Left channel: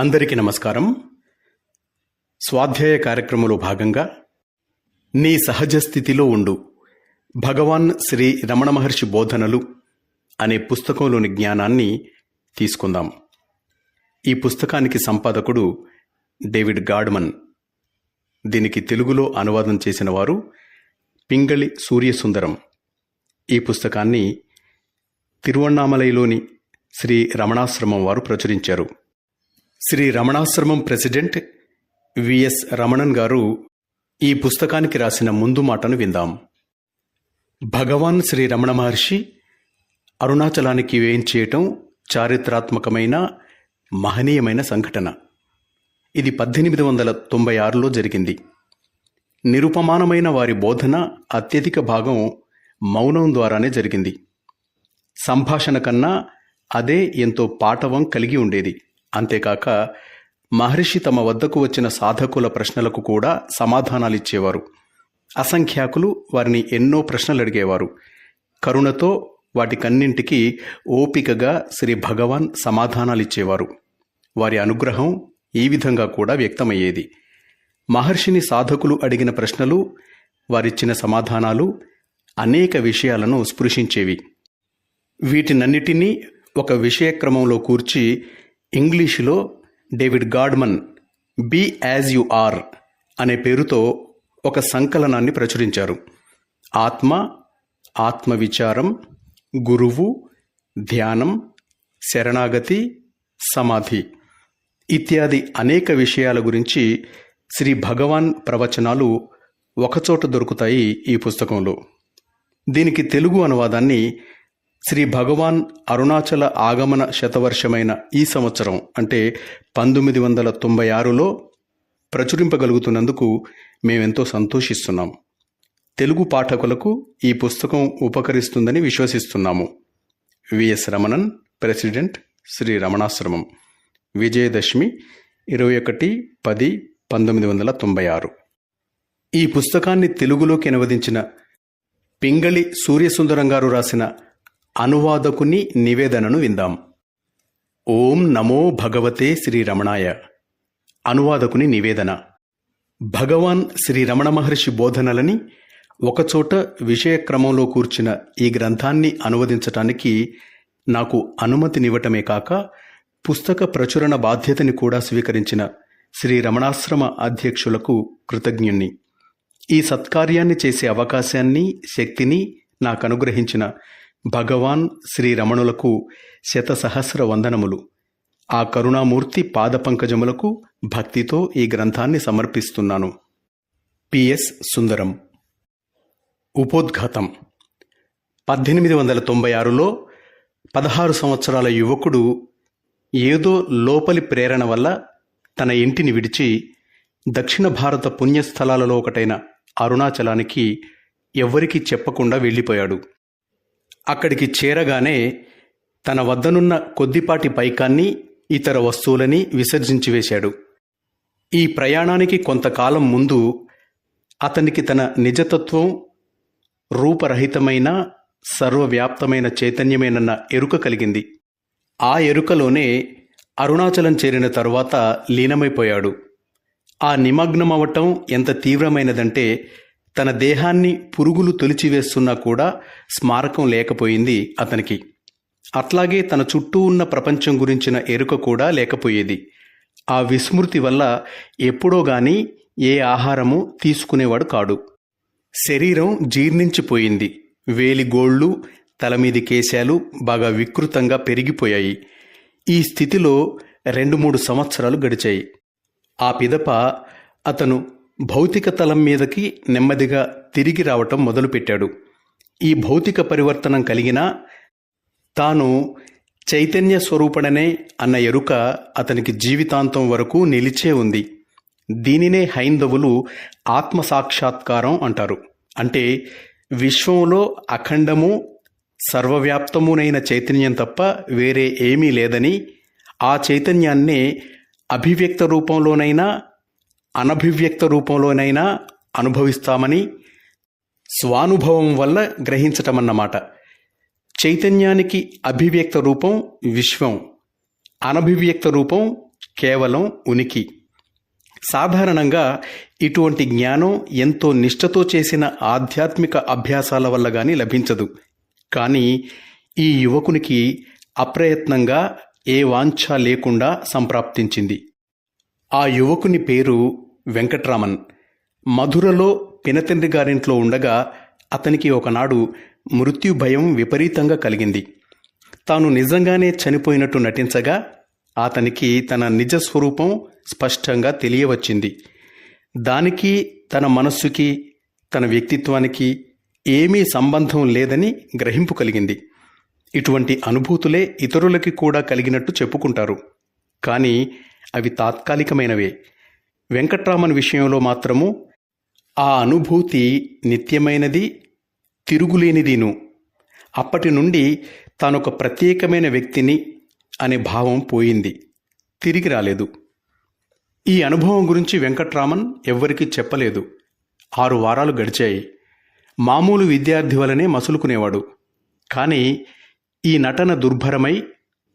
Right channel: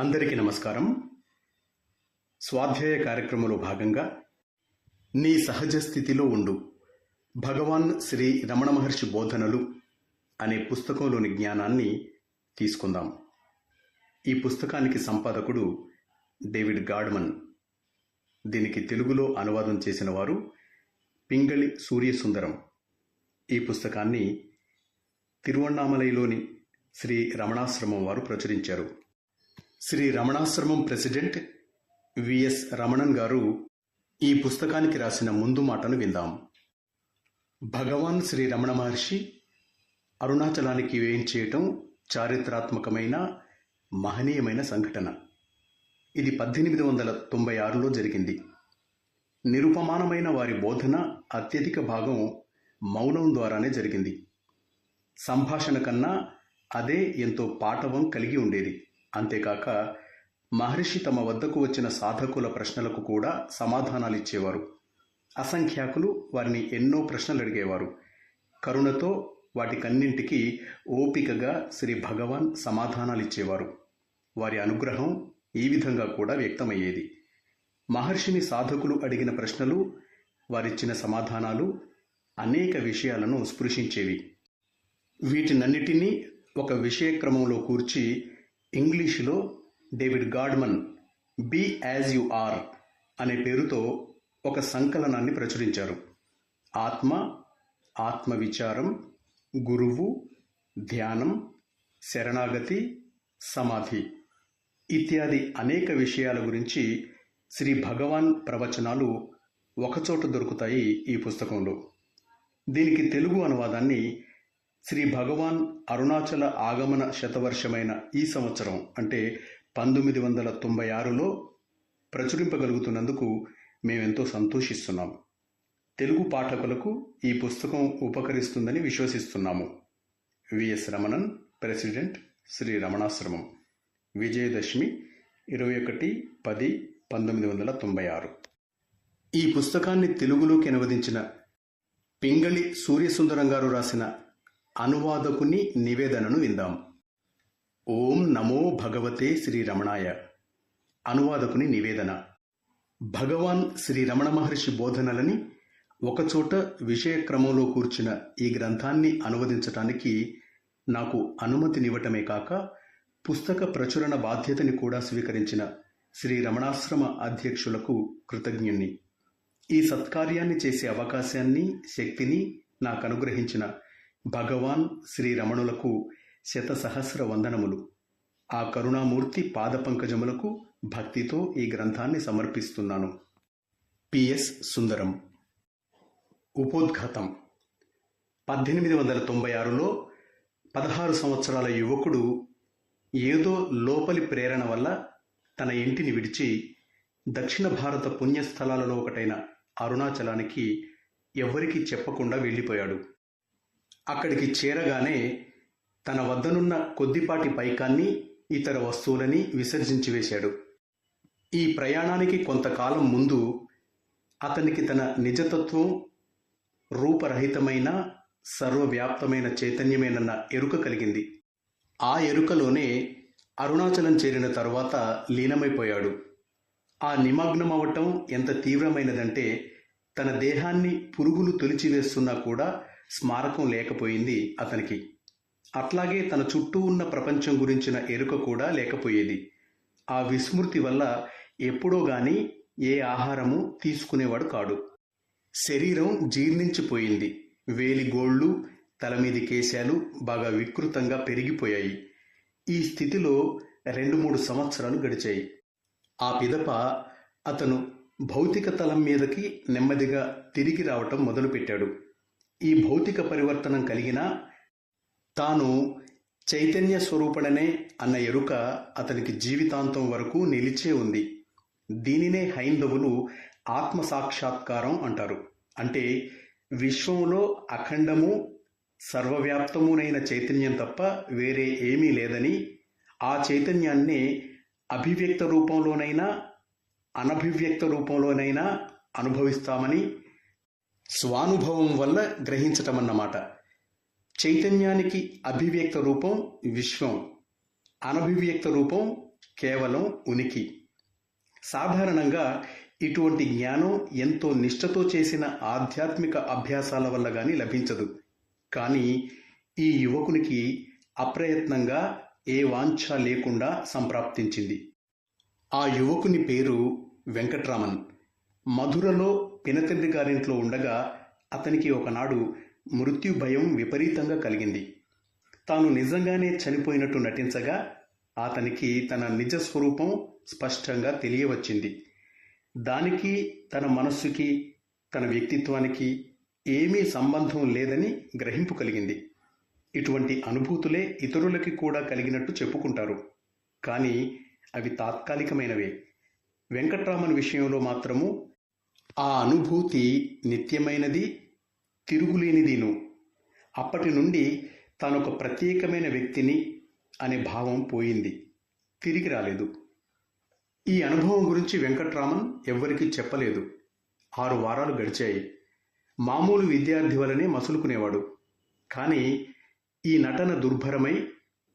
అందరికీ నమస్కారం. స్వాధ్యాయ కార్యక్రమంలో భాగంగా నీ సహజ స్థితిలో ఉండు భగవాన్ శ్రీ రమణ మహర్షి బోధనలు అనే పుస్తకంలోని జ్ఞానాన్ని తీసుకుందాం. ఈ పుస్తకానికి సంపాదకుడు డేవిడ్ గాడ్మన్. దీనికి తెలుగులో అనువాదం చేసిన వారు పింగళి సూర్యసుందరం. ఈ పుస్తకాన్ని తిరువణ్ణామలైలోని శ్రీ రమణాశ్రమం వారు ప్రచురించారు. శ్రీ రమణాశ్రమం ప్రెసిడెంట్ విఎస్ రమణన్ గారు ఈ పుస్తకానికి రాసిన ముందు మాటను విందాం. భగవాన్ శ్రీ రమణ మహర్షి అరుణాచలానికి వేయించేయటం చారిత్రాత్మకమైన మహనీయమైన సంఘటన. ఇది 1896లో జరిగింది. నిరుపమానమైన వారి బోధన అత్యధిక భాగం మౌనం ద్వారానే జరిగింది. సంభాషణ కన్నా అదే ఎంతో పాటవం కలిగి ఉండేది. అంతేకాక మహర్షి తమ వద్దకు వచ్చిన సాధకుల ప్రశ్నలకు కూడా సమాధానాలిచ్చేవారు. అసంఖ్యాకులు వారిని ఎన్నో ప్రశ్నలు అడిగేవారు. కరుణతో వాటికన్నింటికీ ఓపికగా శ్రీ భగవాన్ సమాధానాలిచ్చేవారు. వారి అనుగ్రహం ఈ విధంగా కూడా వ్యక్తమయ్యేది. మహర్షిని సాధకులు అడిగిన ప్రశ్నలు, వారిచ్చిన సమాధానాలు అనేక విషయాలను స్పృశించేవి. వీటినన్నిటినీ ఒక విషయక్రమంలో కూర్చి ఇంగ్లీషులో David Godman be as you are అనే పేరుతో ఒక సంకలనాన్ని ప్రచురించారు. ఆత్మ, ఆత్మవిచారం, గురువు, ధ్యానం, శరణాగతి, సమాధి ఇత్యాది అనేక విషయాల గురించి శ్రీ భగవాన్ ప్రవచనాలు ఒకచోట దొరుకుతాయి ఈ పుస్తకంలో. దీనికి తెలుగు అనువాదాన్ని శ్రీ భగవాన్ అరుణాచల ఆగమన శతవర్షమైన ఈ సంవత్సరం అంటే 1996లో ప్రచురింపగలుగుతున్నందుకు మేమెంతో సంతోషిస్తున్నాం. తెలుగు పాఠకులకు ఈ పుస్తకం ఉపకరిస్తుందని విశ్వసిస్తున్నాము. విఎస్ రమణన్, ప్రెసిడెంట్, శ్రీ రమణాశ్రమం. విజయదశమి 21/10/1996. ఈ పుస్తకాన్ని తెలుగులోకి అనువదించిన పింగళి సూర్యసుందరం గారు రాసిన అనువాదకుని నివేదనను విందాం. ఓం నమో భగవతే శ్రీ రమణాయ. అనువాదకుని నివేదన. భగవాన్ శ్రీ రమణ మహర్షి బోధనలని ఒకచోట విషయక్రమంలో కూర్చిన ఈ గ్రంథాన్ని అనువదించటానికి నాకు అనుమతినివ్వటమే కాక పుస్తక ప్రచురణ బాధ్యతని కూడా స్వీకరించిన శ్రీ రమణాశ్రమ అధ్యక్షులకు కృతజ్ఞుణ్ణి. ఈ సత్కార్యాన్ని చేసే అవకాశాన్ని, శక్తిని నాకు అనుగ్రహించిన భగవాన్ శ్రీ రమణులకు శతసహస్ర వందనములు. ఆ కరుణామూర్తి పాదపంకజములకు భక్తితో ఈ గ్రంథాన్ని సమర్పిస్తున్నాను. పిఎస్ సుందరం. ఉపోద్ఘాతం. 1896లో 16 సంవత్సరాల యువకుడు ఏదో లోపలి ప్రేరణ వల్ల తన ఇంటిని విడిచి దక్షిణ భారత పుణ్యస్థలాలలో ఒకటైన అరుణాచలానికి ఎవ్వరికీ చెప్పకుండా వెళ్ళిపోయాడు. అక్కడికి చేరగానే తన వద్దనున్న కొద్దిపాటి పైకాన్ని, ఇతర వస్తువులని విసర్జించి వేశాడు. ఈ ప్రయాణానికి కొంతకాలం ముందు అతనికి తన నిజతత్వం రూపరహితమైన సర్వవ్యాప్తమైన చైతన్యమేనన్న ఎరుక కలిగింది. ఆ ఎరుకలోనే అరుణాచలం చేరిన తరువాత లీనమైపోయాడు. ఆ నిమగ్నమవటం ఎంత తీవ్రమైనదంటే తన దేహాన్ని పురుగులు తొలిచివేస్తున్నా కూడా స్మారకం లేకపోయింది అతనికి. అట్లాగే తన చుట్టూ ఉన్న ప్రపంచం గురించిన ఎరుక కూడా లేకపోయేది. ఆ విస్మృతి వల్ల ఎప్పుడో గాని ఏ ఆహారము తీసుకునేవాడు కాడు. శరీరం జీర్ణించిపోయింది. వేలిగోళ్ళు, తలమీది కేశాలు బాగా వికృతంగా పెరిగిపోయాయి. ఈ స్థితిలో 2-3 సంవత్సరాలు గడిచాయి. ఆ పిదప అతను భౌతిక తలం మీదకి నెమ్మదిగా తిరిగి రావటం మొదలుపెట్టాడు. ఈ భౌతిక పరివర్తనం కలిగినా తాను చైతన్య స్వరూపణనే అన్న ఎరుక అతనికి జీవితాంతం వరకు నిలిచే ఉంది. దీనినే హైందవులు ఆత్మసాక్షాత్కారం అంటారు. అంటే విశ్వంలో అఖండము సర్వవ్యాప్తమునైన చైతన్యం తప్ప వేరే ఏమీ లేదని, ఆ చైతన్యాన్నే అభివ్యక్త రూపంలోనైనా అనభివ్యక్త రూపంలోనైనా అనుభవిస్తామని స్వానుభవం వల్ల గ్రహించటమన్నమాట. చైతన్యానికి అభివ్యక్త రూపం విశ్వం, అనభివ్యక్త రూపం కేవలం ఉనికి. సాధారణంగా ఇటువంటి జ్ఞానం ఎంతో నిష్ఠతో చేసిన ఆధ్యాత్మిక అభ్యాసాల వల్ల కానీ లభించదు. కానీ ఈ యువకునికి అప్రయత్నంగా ఏ వాంఛ లేకుండా సంప్రాప్తించింది. ఆ యువకుని పేరు వెంకట్రామన్. మధురలో పినతండ్రి గారింట్లో ఉండగా అతనికి ఒకనాడు మృత్యు భయం విపరీతంగా కలిగింది. తాను నిజంగానే చనిపోయినట్టు నటించగా అతనికి తన నిజ స్వరూపం స్పష్టంగా తెలియవచ్చింది. దానికి తన మనస్సుకి, తన వ్యక్తిత్వానికి ఏమీ సంబంధం లేదని గ్రహింపు కలిగింది. ఇటువంటి అనుభూతులే ఇతరులకి కూడా కలిగినట్టు చెప్పుకుంటారు. కానీ అవి తాత్కాలికమైనవే. వెంకట్రామన్ విషయంలో మాత్రము ఆ అనుభూతి నిత్యమైనది, తిరుగులేనిదిను. అప్పటి నుండి తానొక ప్రత్యేకమైన వ్యక్తిని అనే భావం పోయింది, తిరిగి రాలేదు. ఈ అనుభవం గురించి వెంకట్రామన్ ఎవ్వరికీ చెప్పలేదు. 6 వారాలు గడిచాయి. మామూలు విద్యార్థి వలనే మసులుకునేవాడు. కానీ ఈ నటన దుర్భరమై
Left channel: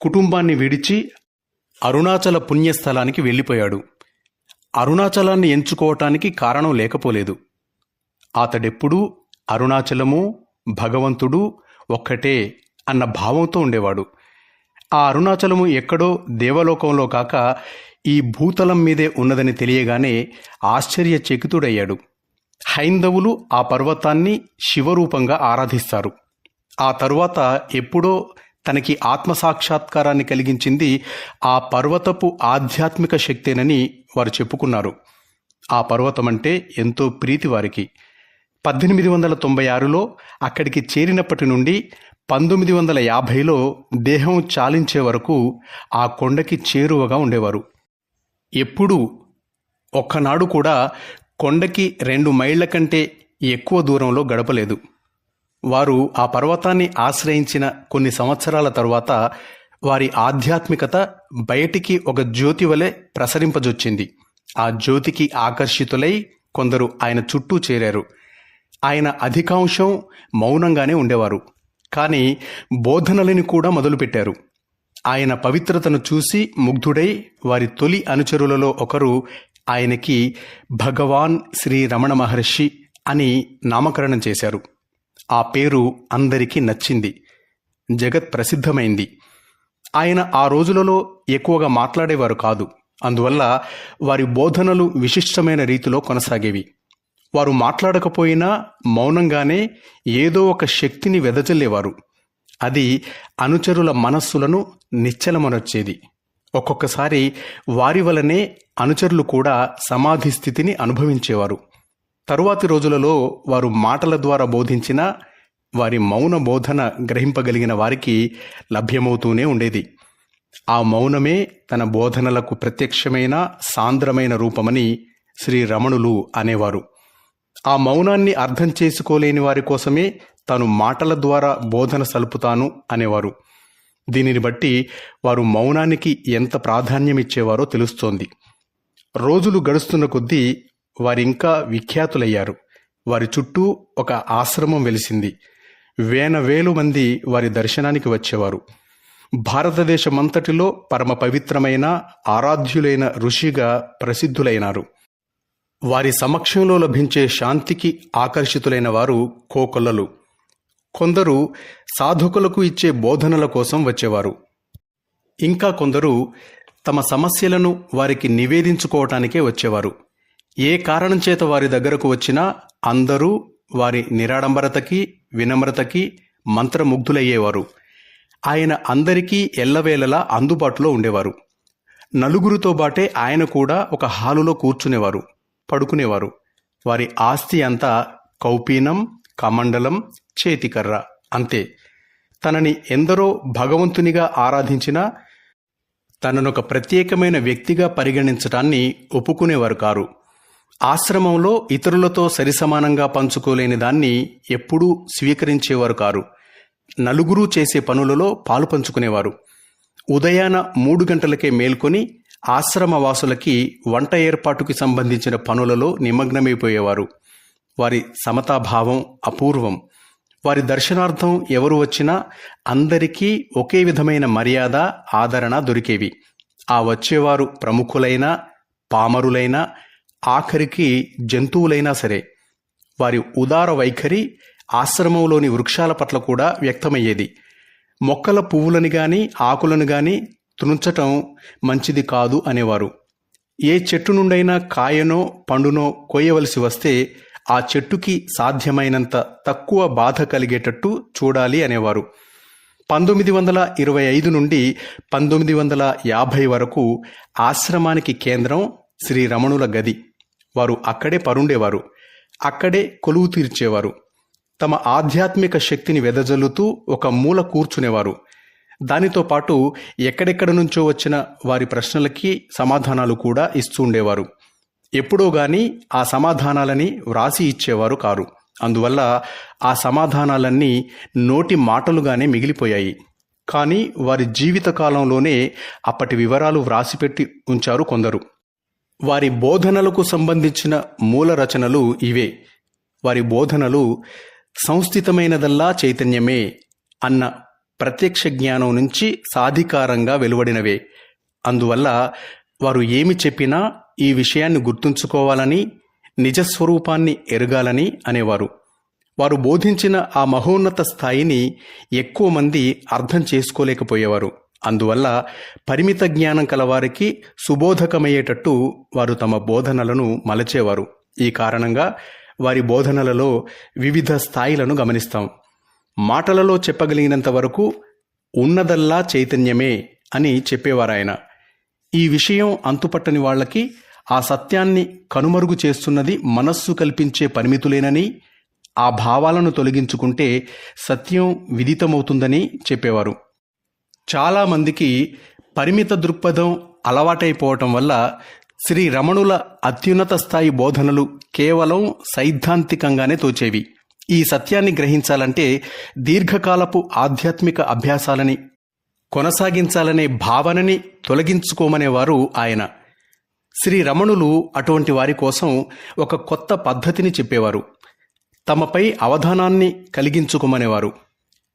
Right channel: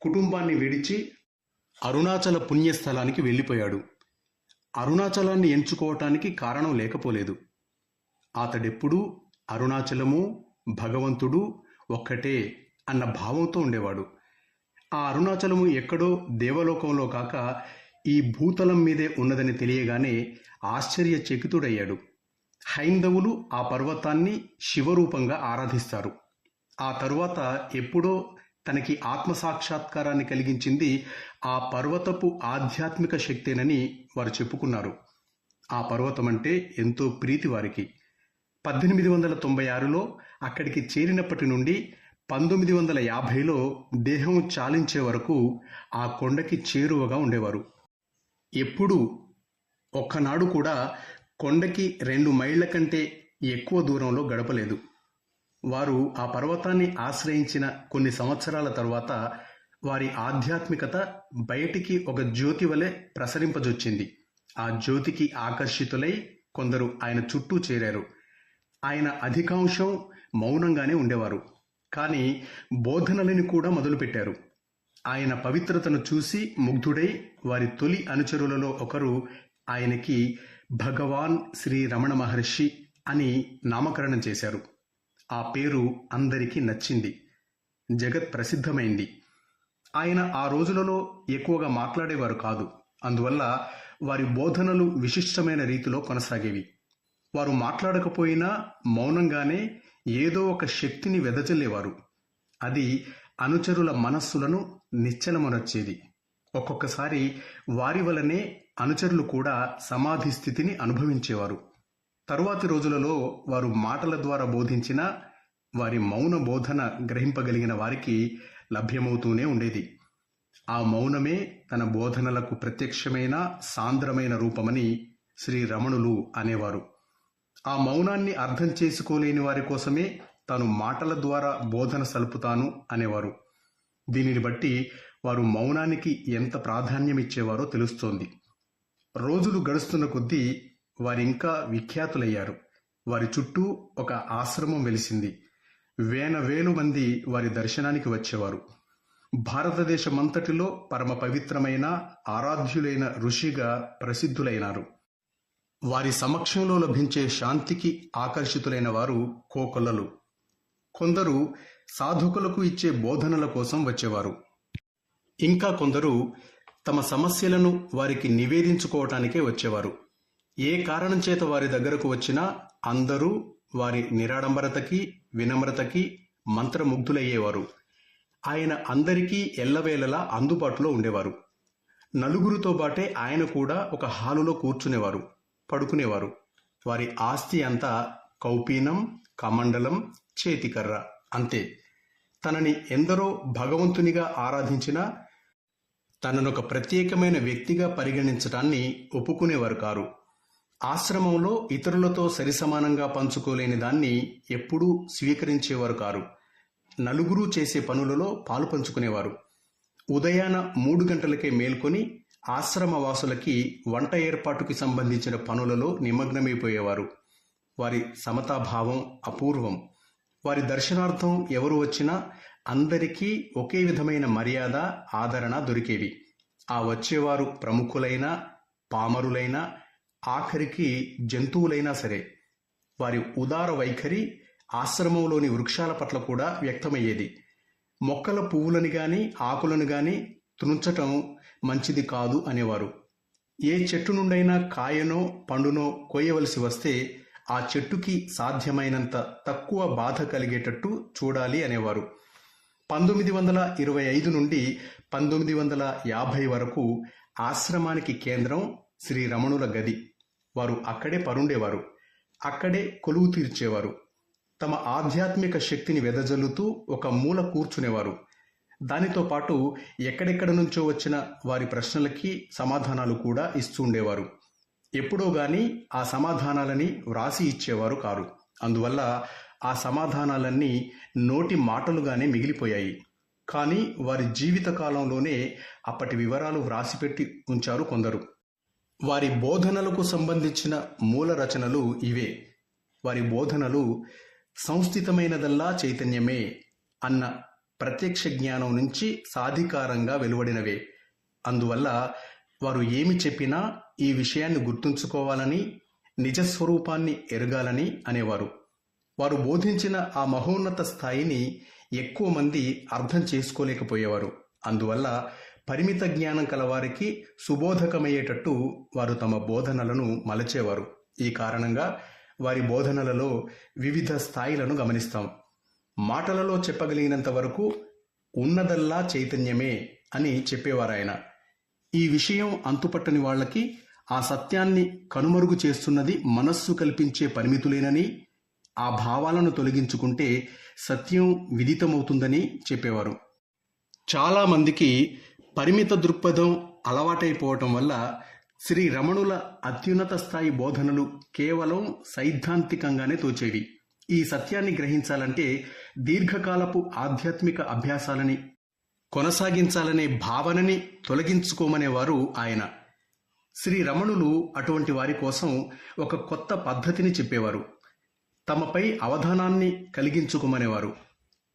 కుటుంబాన్ని విడిచి అరుణాచల పుణ్యస్థలానికి వెళ్ళిపోయాడు. అరుణాచలాన్ని ఎంచుకోవటానికి కారణం లేకపోలేదు. అతడెప్పుడూ అరుణాచలము, భగవంతుడు ఒక్కటే అన్న భావంతో ఉండేవాడు. ఆ అరుణాచలము ఎక్కడో దేవలోకంలో కాక ఈ భూతలం మీదే ఉన్నదని తెలియగానే ఆశ్చర్యచకితుడయ్యాడు. హైందవులు ఆ పర్వతాన్ని శివరూపంగా ఆరాధిస్తారు. ఆ తరువాత ఎప్పుడో తనకి ఆత్మసాక్షాత్కారాన్ని కలిగించింది ఆ పర్వతపు ఆధ్యాత్మిక శక్తేనని వారు చెప్పుకున్నారు. ఆ పర్వతం అంటే ఎంతో ప్రీతి వారికి. 1896లో అక్కడికి చేరినప్పటి నుండి 1950లో దేహం చాలించే వరకు ఆ కొండకి చేరువగా ఉండేవారు. ఎప్పుడూ ఒక్కనాడు కూడా కొండకి 2 మైళ్ళ కంటే ఎక్కువ దూరంలో గడపలేదు. వారు ఆ పర్వతాన్ని ఆశ్రయించిన కొన్ని సంవత్సరాల తరువాత వారి ఆధ్యాత్మికత బయటికి ఒక జ్యోతి వలె ప్రసరింపజొచ్చింది. ఆ జ్యోతికి ఆకర్షితులై కొందరు ఆయన చుట్టూ చేరారు. ఆయన అధికాంశం మౌనంగానే ఉండేవారు. కానీ బోధనలని కూడా మొదలుపెట్టారు. ఆయన పవిత్రతను చూసి ముగ్ధుడై వారి తొలి అనుచరులలో ఒకరు ఆయనకి భగవాన్ శ్రీ రమణ మహర్షి అని నామకరణం చేశారు. ఆ పేరు అందరికీ నచ్చింది, జగత్ ప్రసిద్ధమైంది. ఆయన ఆ రోజులలో ఎక్కువగా మాట్లాడేవారు కాదు. అందువల్ల వారి బోధనలు విశిష్టమైన రీతిలో కొనసాగేవి. వారు మాట్లాడకపోయినా మౌనంగానే ఏదో ఒక శక్తిని వెదజల్లేవారు. అది అనుచరుల మనస్సులను నిశ్చలమనొచ్చేది. ఒక్కొక్కసారి వారి వలనే అనుచరులు కూడా సమాధి స్థితిని అనుభవించేవారు. తరువాతి రోజులలో వారు మాటల ద్వారా బోధించిన వారి మౌన బోధన గ్రహింపగలిగిన వారికి లభ్యమవుతూనే ఉండేది. ఆ మౌనమే తన బోధనలకు ప్రత్యక్షమైన సాంద్రమైన రూపమని శ్రీ రమణులు అనేవారు. ఆ మౌనాన్ని అర్థం చేసుకోలేని వారి కోసమే తాను మాటల ద్వారా బోధన సలుపుతాను అనేవారు. దీనిని బట్టి వారు మౌనానికి ఎంత ప్రాధాన్యమిచ్చేవారో తెలుస్తోంది. రోజులు గడుస్తున్న కొద్దీ వారింకా విఖ్యాతులయ్యారు. వారి చుట్టూ ఒక ఆశ్రమం వెలిసింది. వేలు మంది వారి దర్శనానికి వచ్చేవారు. భారతదేశమంతటిలో పరమ పవిత్రమైన ఆరాధ్యులైన ఋషిగా ప్రసిద్ధులైనారు. వారి సమక్షంలో లభించే శాంతికి ఆకర్షితులైన వారు కోకొల్లలు. కొందరు సాధకులకు ఇచ్చే బోధనల కోసం వచ్చేవారు. ఇంకా కొందరు తమ సమస్యలను వారికి నివేదించుకోవటానికే వచ్చేవారు. ఏ కారణం చేత వారి దగ్గరకు వచ్చినా అందరూ వారి నిరాడంబరతకి, వినమ్రతకి మంత్రముగ్ధులయ్యేవారు. ఆయన అందరికీ ఎల్లవేళలా అందుబాటులో ఉండేవారు. నలుగురితో బాటే ఆయన కూడా ఒక హాలులో కూర్చునేవారు, పడుకునేవారు. వారి ఆస్తి అంతా కౌపీనం, కమండలం, చేతికర్ర అంతే. తనని ఎందరో భగవంతునిగా ఆరాధించినా తననొక ప్రత్యేకమైన వ్యక్తిగా పరిగణించటాన్ని ఒప్పుకునేవారు కారు. ఆశ్రమంలో ఇతరులతో సరిసమానంగా పంచుకోలేని దాన్ని ఎప్పుడూ స్వీకరించేవారు కారు. నలుగురు చేసే పనులలో పాలు పంచుకునేవారు. ఉదయాన 3 గంటలకే మేల్కొని ఆశ్రమవాసులకి వంట ఏర్పాటుకి సంబంధించిన పనులలో నిమగ్నమైపోయేవారు. వారి సమతాభావం అపూర్వం. వారి దర్శనార్థం ఎవరు వచ్చినా అందరికీ ఒకే విధమైన మర్యాద, ఆదరణ దొరికేవి. ఆ వచ్చేవారు ప్రముఖులైనా పామరులైనా ఆఖరికి జంతువులైనా సరే వారి ఉదార వైఖరి ఆశ్రమంలోని వృక్షాల పట్ల కూడా వ్యక్తమయ్యేది. మొక్కల పువ్వులను గాని ఆకులను గాని త్రుంచటం మంచిది కాదు అనేవారు. ఏ చెట్టు నుండైనా కాయనో పండునో కోయవలసి వస్తే ఆ చెట్టుకి సాధ్యమైనంత తక్కువ బాధ కలిగేటట్టు చూడాలి అనేవారు. 1925 నుండి 1950 వరకు ఆశ్రమానికి కేంద్రం శ్రీ రమణుల గది. వారు అక్కడే పరుండేవారు, అక్కడే కొలువు తీర్చేవారు. తమ ఆధ్యాత్మిక శక్తిని వెదజల్లుతూ ఒక మూల కూర్చునేవారు. దానితో పాటు ఎక్కడెక్కడ నుంచో వచ్చిన వారి ప్రశ్నలకి సమాధానాలు కూడా ఇస్తూ ఉండేవారు. ఎప్పుడో గాని ఆ సమాధానాలని వ్రాసి ఇచ్చేవారు కారు. అందువల్ల ఆ సమాధానాలన్నీ నోటి మాటలుగానే మిగిలిపోయాయి. కానీ వారి జీవితకాలంలోనే అప్పటి వివరాలు వ్రాసిపెట్టి ఉంచారు కొందరు. వారి బోధనలకు సంబంధించిన మూల రచనలు ఇవే. వారి బోధనలు సంస్థితమైనదల్లా చైతన్యమే అన్న ప్రత్యక్ష జ్ఞానం నుంచి సాధికారంగా వెలువడినవే. అందువల్ల వారు ఏమి చెప్పినా ఈ విషయాన్ని గుర్తుంచుకోవాలని, నిజస్వరూపాన్ని ఎరగాలని అనేవారు. వారు బోధించిన ఆ మహోన్నత స్థాయిని ఎక్కువ మంది అర్థం చేసుకోలేకపోయేవారు. అందువల్ల పరిమిత జ్ఞానం కలవారికి సుబోధకమయ్యేటట్టు వారు తమ బోధనలను మలచేవారు. ఈ కారణంగా వారి బోధనలలో వివిధ స్థాయిలను గమనిస్తాం. మాటలలో చెప్పగలిగినంత వరకు ఉన్నదల్లా చైతన్యమే అని చెప్పేవారాయన. ఈ విషయం అంతుపట్టని వాళ్ళకి ఆ సత్యాన్ని కనుమరుగు చేస్తున్నది మనస్సు కల్పించే పరిమితులేనని, ఆ భావాలను తొలగించుకుంటే సత్యం విదితమవుతుందని చెప్పేవారు. చాలామందికి పరిమిత దృక్పథం అలవాటైపోవటం వల్ల శ్రీ రమణుల అత్యున్నత స్థాయి బోధనలు కేవలం సైద్ధాంతికంగానే తోచేవి. ఈ సత్యాన్ని గ్రహించాలంటే దీర్ఘకాలపు ఆధ్యాత్మిక అభ్యాసాలని కొనసాగించాలనే భావనని తొలగించుకోమనేవారు ఆయన. శ్రీ రమణులు అటువంటి వారి కోసం ఒక కొత్త పద్ధతిని చెప్పేవారు. తమపై అవధానాన్ని కలిగించుకోమనేవారు.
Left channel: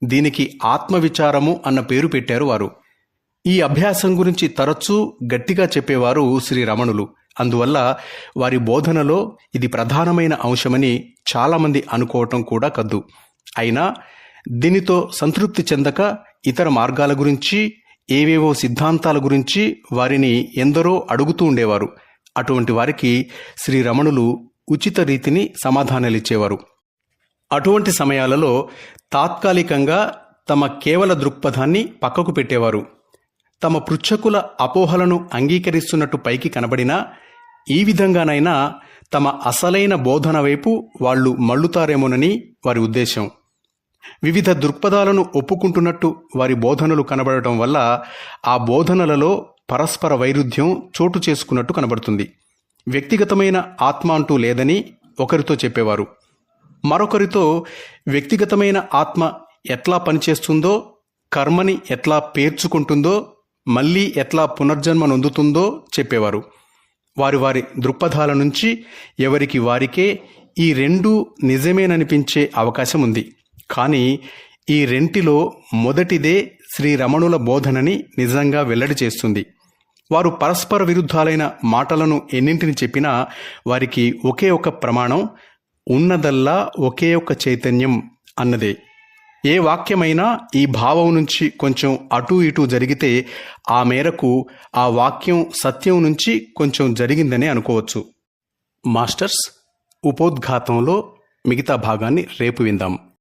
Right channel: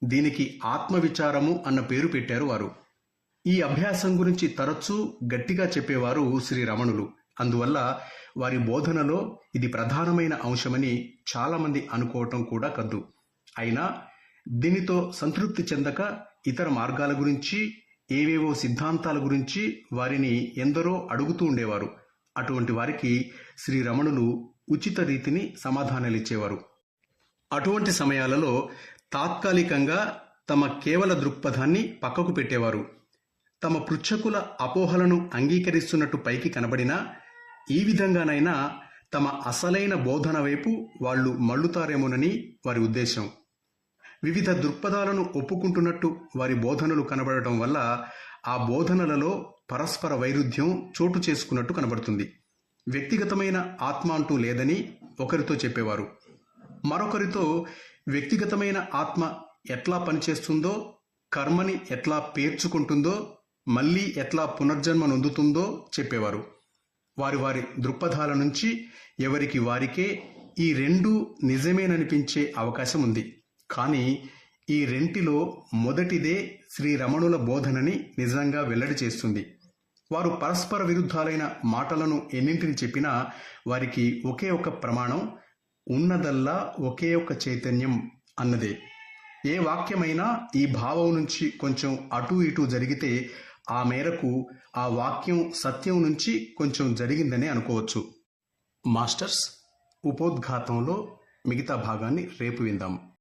దీనికి ఆత్మవిచారము అన్న పేరు పెట్టారు వారు. ఈ అభ్యాసం గురించి తరచూ గట్టిగా చెప్పేవారు శ్రీ రమణులు. అందువల్ల వారి బోధనలో ఇది ప్రధానమైన అంశమని చాలామంది అనుకోవటం కూడా కద్దు. అయినా దీనితో సంతృప్తి చెందక ఇతర మార్గాల గురించి, ఏవేవో సిద్ధాంతాల గురించి వారిని ఎందరో అడుగుతూ ఉండేవారు. అటువంటి వారికి శ్రీ రమణులు ఉచిత రీతిని సమాధానాలిచ్చేవారు. అటువంటి సమయాలలో తాత్కాలికంగా తమ కేవల దృక్పథాన్ని పక్కకు పెట్టేవారు. తమ పృచ్ఛకుల అపోహలను అంగీకరిస్తున్నట్టు పైకి కనబడినా ఈ విధంగానైనా తమ అసలైన బోధన వైపు వాళ్ళు మళ్ళుతారేమోనని వారి ఉద్దేశం. వివిధ దృక్పథాలను ఒప్పుకుంటున్నట్టు వారి బోధనలు కనబడటం వల్ల ఆ బోధనలలో పరస్పర వైరుధ్యం చోటు చేసుకున్నట్టు కనబడుతుంది. వ్యక్తిగతమైన ఆత్మ అంటూ లేదని ఒకరితో చెప్పేవారు. మరొకరితో వ్యక్తిగతమైన ఆత్మ ఎట్లా పనిచేస్తుందో, కర్మని ఎట్లా పేర్చుకుంటుందో, మళ్ళీ ఎట్లా పునర్జన్మ నొందుతుందో చెప్పేవారు. వారి వారి దృక్పథాల నుంచి ఎవరికి వారికే ఈ రెండూ నిజమేననిపించే అవకాశం ఉంది. కానీ ఈ రెంటిలో మొదటిదే శ్రీ రమణుల బోధనని నిజంగా వెల్లడి చేస్తుంది. వారు పరస్పర విరుద్ధాలైన మాటలను ఎన్నింటిని చెప్పినా వారికి ఒకే ఒక ప్రమాణం, ఉన్నదల్లా ఒకే ఒక చైతన్యం అన్నదే. ఏ వాక్యమైనా ఈ భావం నుంచి కొంచెం అటూ ఇటూ జరిగితే ఆ మేరకు ఆ వాక్యం సత్యం నుంచి కొంచెం జరిగిందనే అనుకోవచ్చు. మాస్టర్స్, ఉపోద్ఘాతంలో మిగతా భాగాన్ని రేపు విందాం.